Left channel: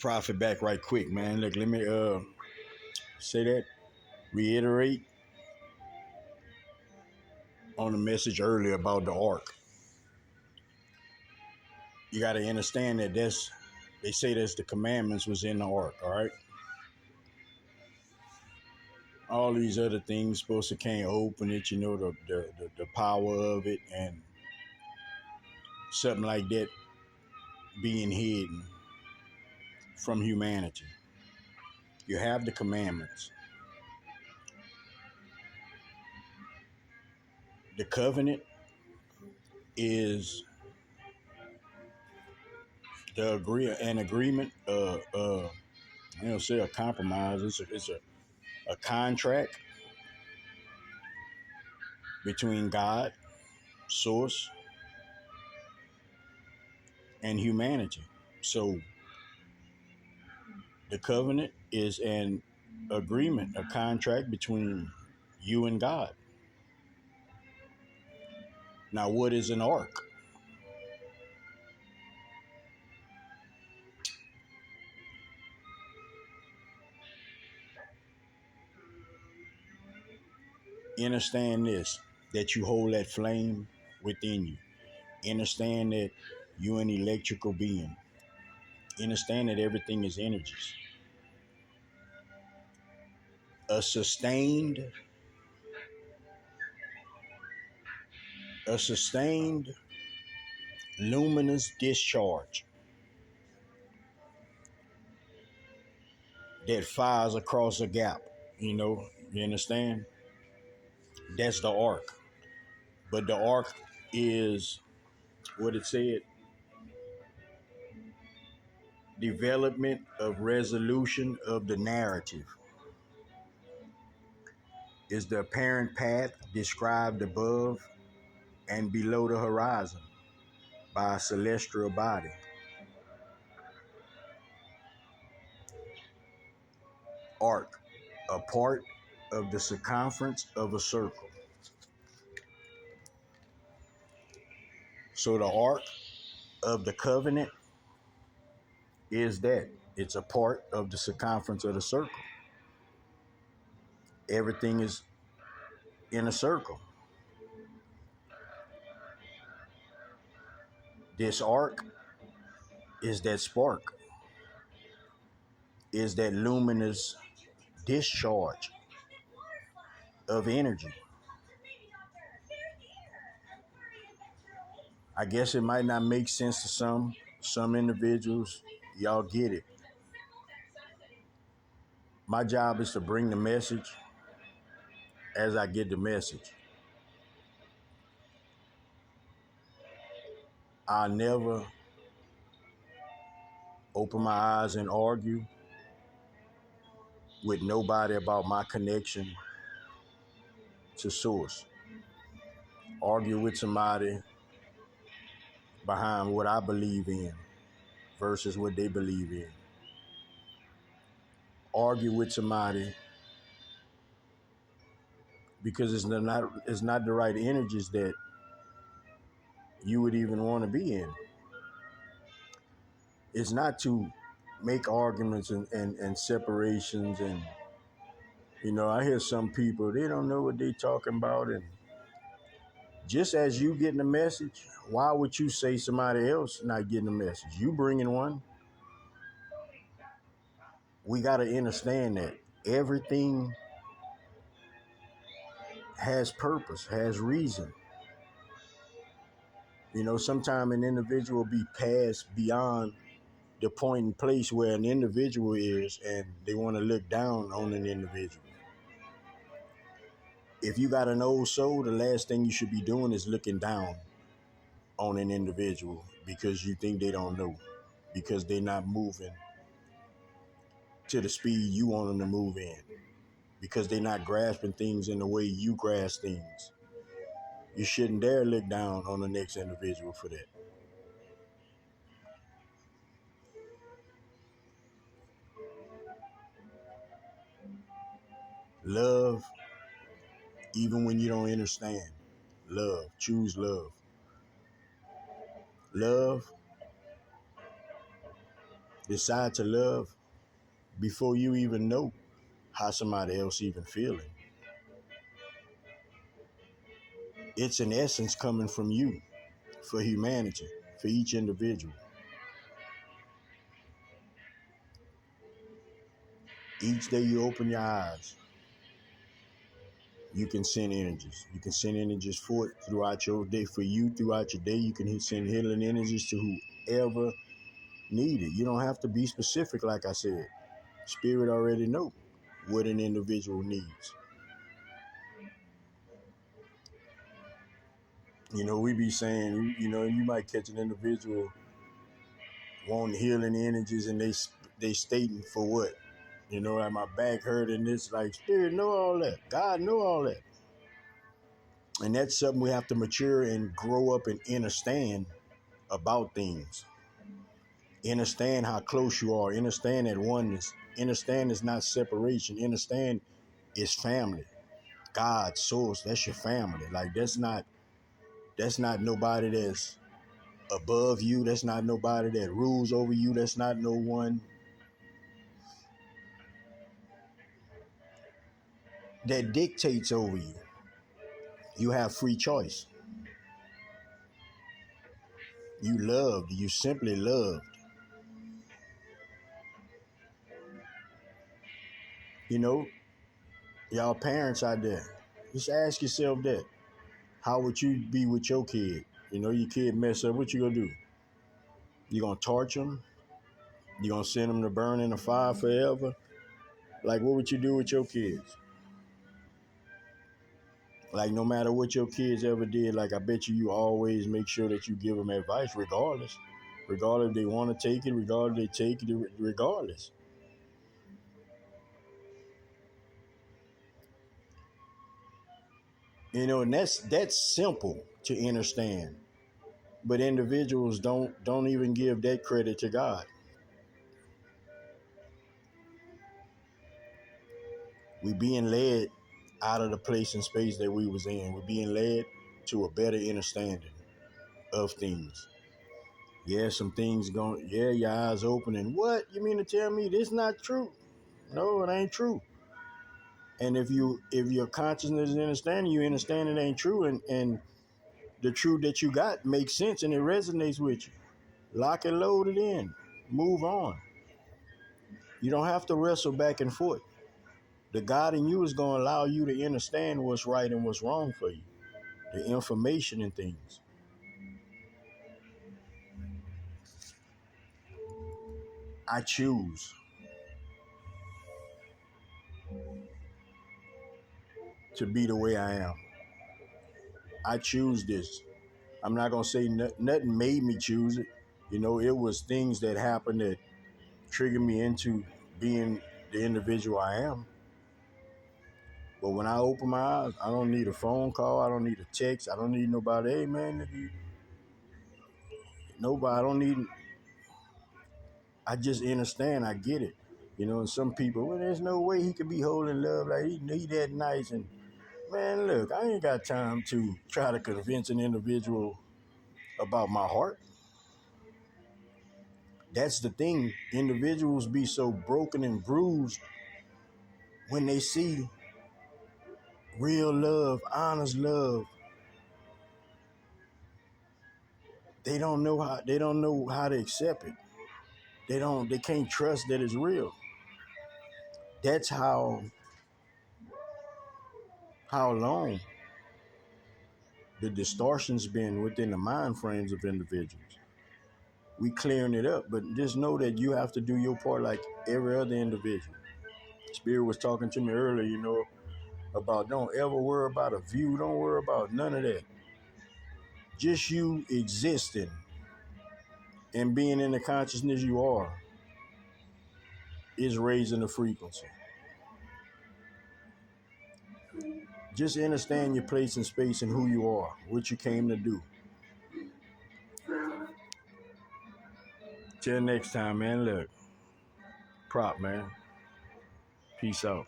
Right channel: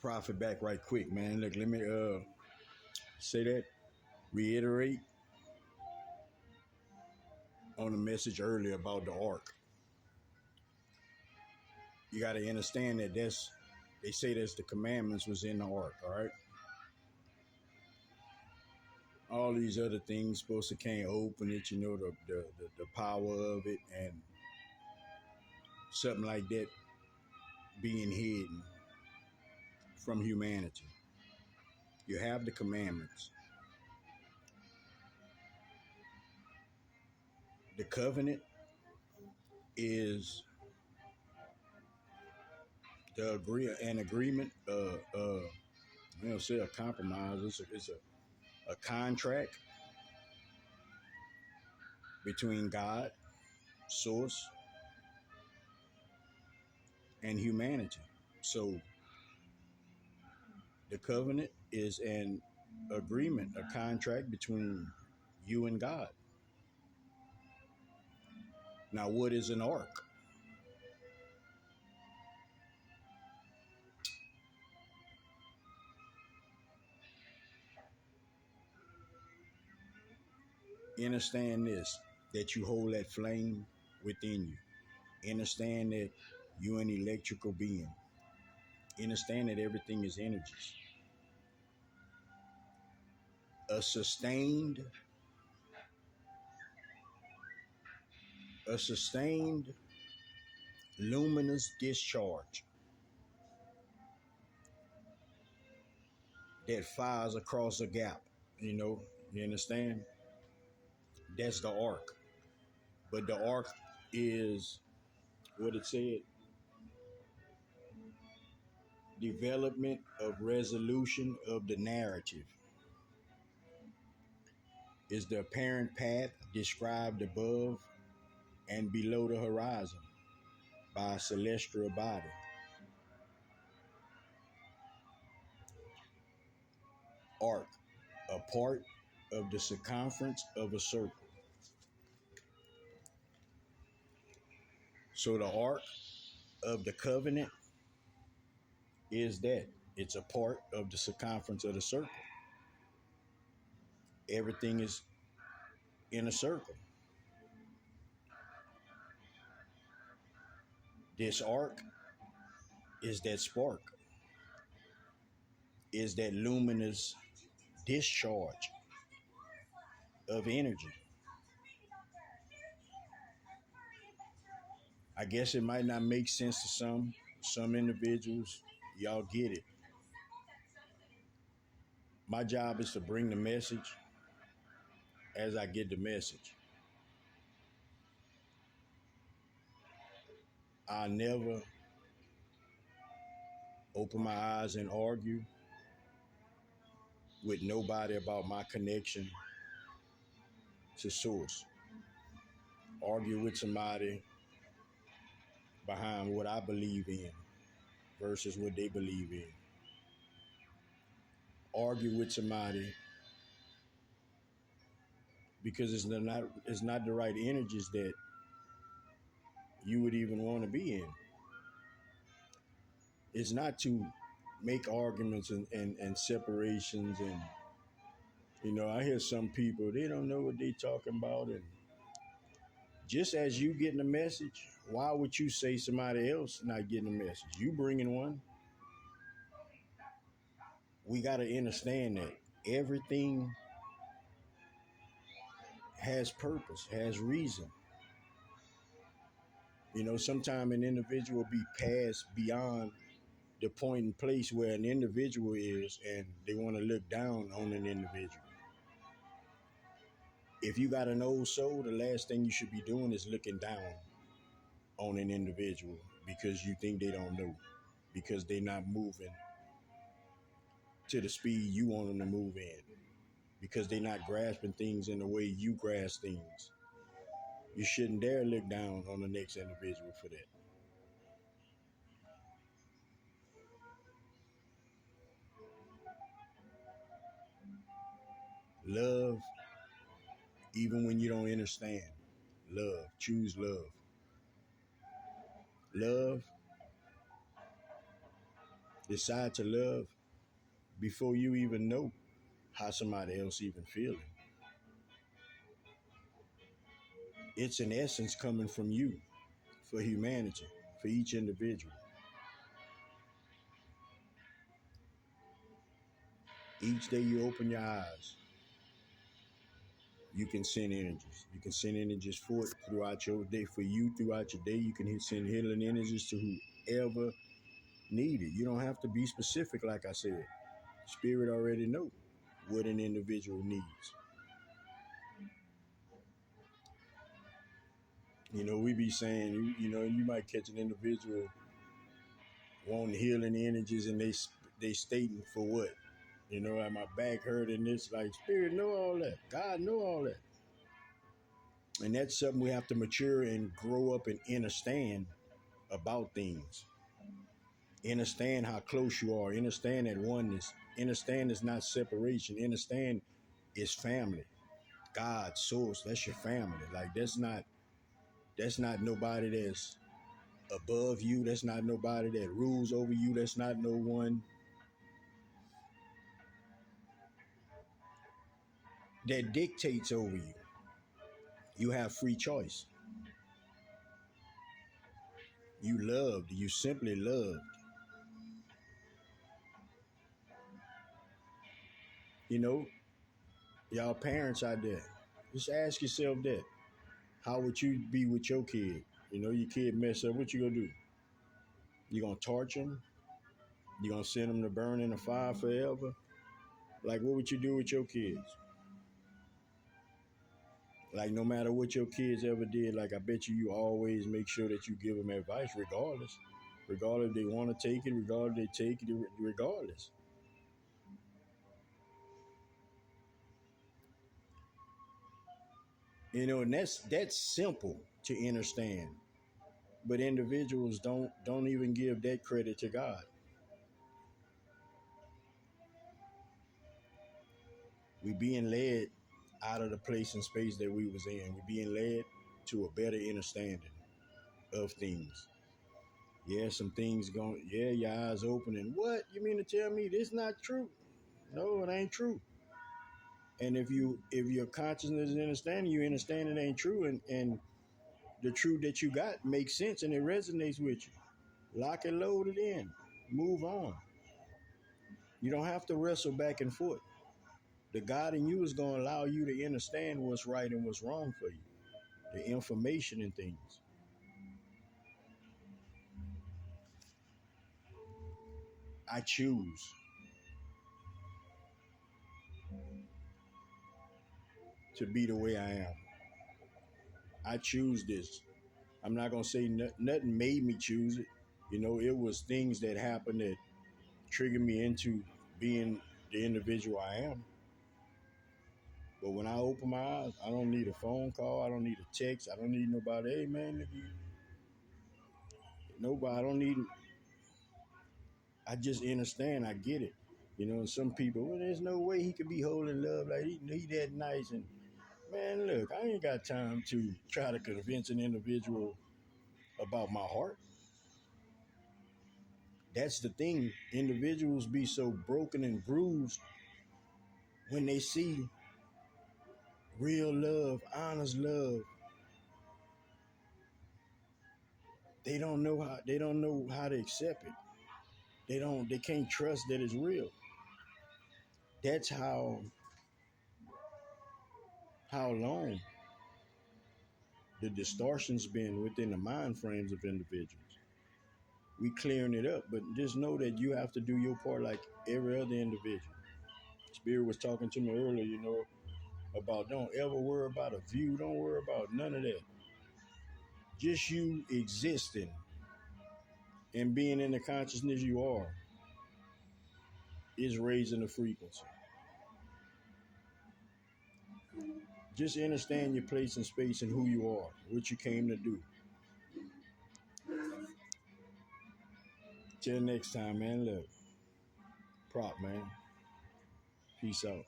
Profit back right quick, man. Look, let me say that, reiterate on the message earlier about the ark. You got to understand that they say that's the commandments was in the ark, all right? All these other things supposed to can't open it, the power of it and something like that being hidden from humanity. You have the commandments. The covenant is an agreement, I don't say a compromise. It's a contract between God, source, and humanity. So the covenant is an agreement, a contract between you and God. Now, what is an ark? Understand this, that you hold that flame within you. Understand that you're an electrical being. Understand that everything is energies. A sustained, a sustained luminous discharge that fires across a gap. You understand? That's the arc. But the arc is what it said, development of resolution of the narrative is the apparent path described above and below the horizon by a celestial body. Arc, a part of the circumference of a circle. So the arc of the covenant is that it's a part of the circumference of the circle. Everything is in a circle. This arc is that spark, is that luminous discharge of energy. I guess it might not make sense to some individuals. Y'all get it. My job is to bring the message as I get the message. I never open my eyes and argue with nobody about my connection to source. Argue with somebody behind what I believe in versus what they believe in. Argue with somebody because it's not the right energies that you would even want to be in. It's not to make arguments and separations and I hear some people, they don't know what they talking about, and just as you getting the message, why would you say somebody else not getting the message? You bringing one. We got to understand that everything has purpose, has reason. Sometimes an individual be passed beyond the point and place where an individual is, and they want to look down on an individual. If you got an old soul, the last thing you should be doing is looking down on an individual because you think they don't know, because they're not moving to the speed you want them to move in, because they're not grasping things in the way you grasp things. You shouldn't dare look down on the next individual for that. Love, even when you don't understand. Love, choose love. Love decide to love before you even know how somebody else even feeling. It's an essence coming from you for humanity, for each individual. Each day you open your eyes, you can send energies. You can send energies forth throughout your day. For you, throughout your day, you can send healing energies to whoever need it. You don't have to be specific, like I said. Spirit already know what an individual needs. You know, we be saying, you know, you might catch an individual wanting healing energies, and they stating for what? You know, like my back hurt, and this, like, Spirit know all that. God know all that. And that's something we have to mature and grow up and understand about things. Understand how close you are. Understand that oneness. Understand it's not separation. Understand it's family. God, source, that's your family. Like that's not nobody that's above you. That's not nobody that rules over you. That's not no one that dictates over you. You have free choice. You loved. You simply loved. You know, y'all parents out there, just ask yourself that. How would you be with your kid? You know, your kid mess up, what you gonna do? You gonna torture them? You gonna send them to burn in the fire forever? Like, what would you do with your kids? Like, no matter what your kids ever did, like, I bet you always make sure that you give them advice regardless. Regardless if they want to take it, regardless if they take it, regardless. You know, and that's simple to understand. But individuals don't even give that credit to God. We being led out of the place and space that we was in. We're being led to a better understanding of things. Yeah, some things going. Yeah, your eyes open, and what you mean to tell me this not true? No, it ain't true. And if your consciousness is understanding, you understand it ain't true, and the truth that you got makes sense and it resonates with you. Lock and load it in. Move on. You don't have to wrestle back and forth. The God in you is going to allow you to understand what's right and what's wrong for you. The information and things. I choose to be the way I am. I choose this. I'm not going to say nothing made me choose it. You know, it was things that happened that triggered me into being the individual I am. But when I open my eyes, I don't need a phone call. I don't need a text. I don't need nobody. Hey, man, nobody. I don't need. I just understand. I get it. You know, and some people, well, there's no way he could be holding love like he that nice. And man, look, I ain't got time to try to convince an individual about my heart. That's the thing. Individuals be so broken and bruised when they see real love, honest love. They don't know how to accept it. They can't trust that it's real. That's how long the distortion's been within the mind frames of individuals. We clearing it up, but just know that you have to do your part like every other individual. Spirit was talking to me earlier, you know, about don't ever worry about a view, don't worry about none of that. Just you existing and being in the consciousness you are is raising the frequency. Just understand your place in space and who you are, what you came to do. Till next time, man. Look, prop, man. Peace out.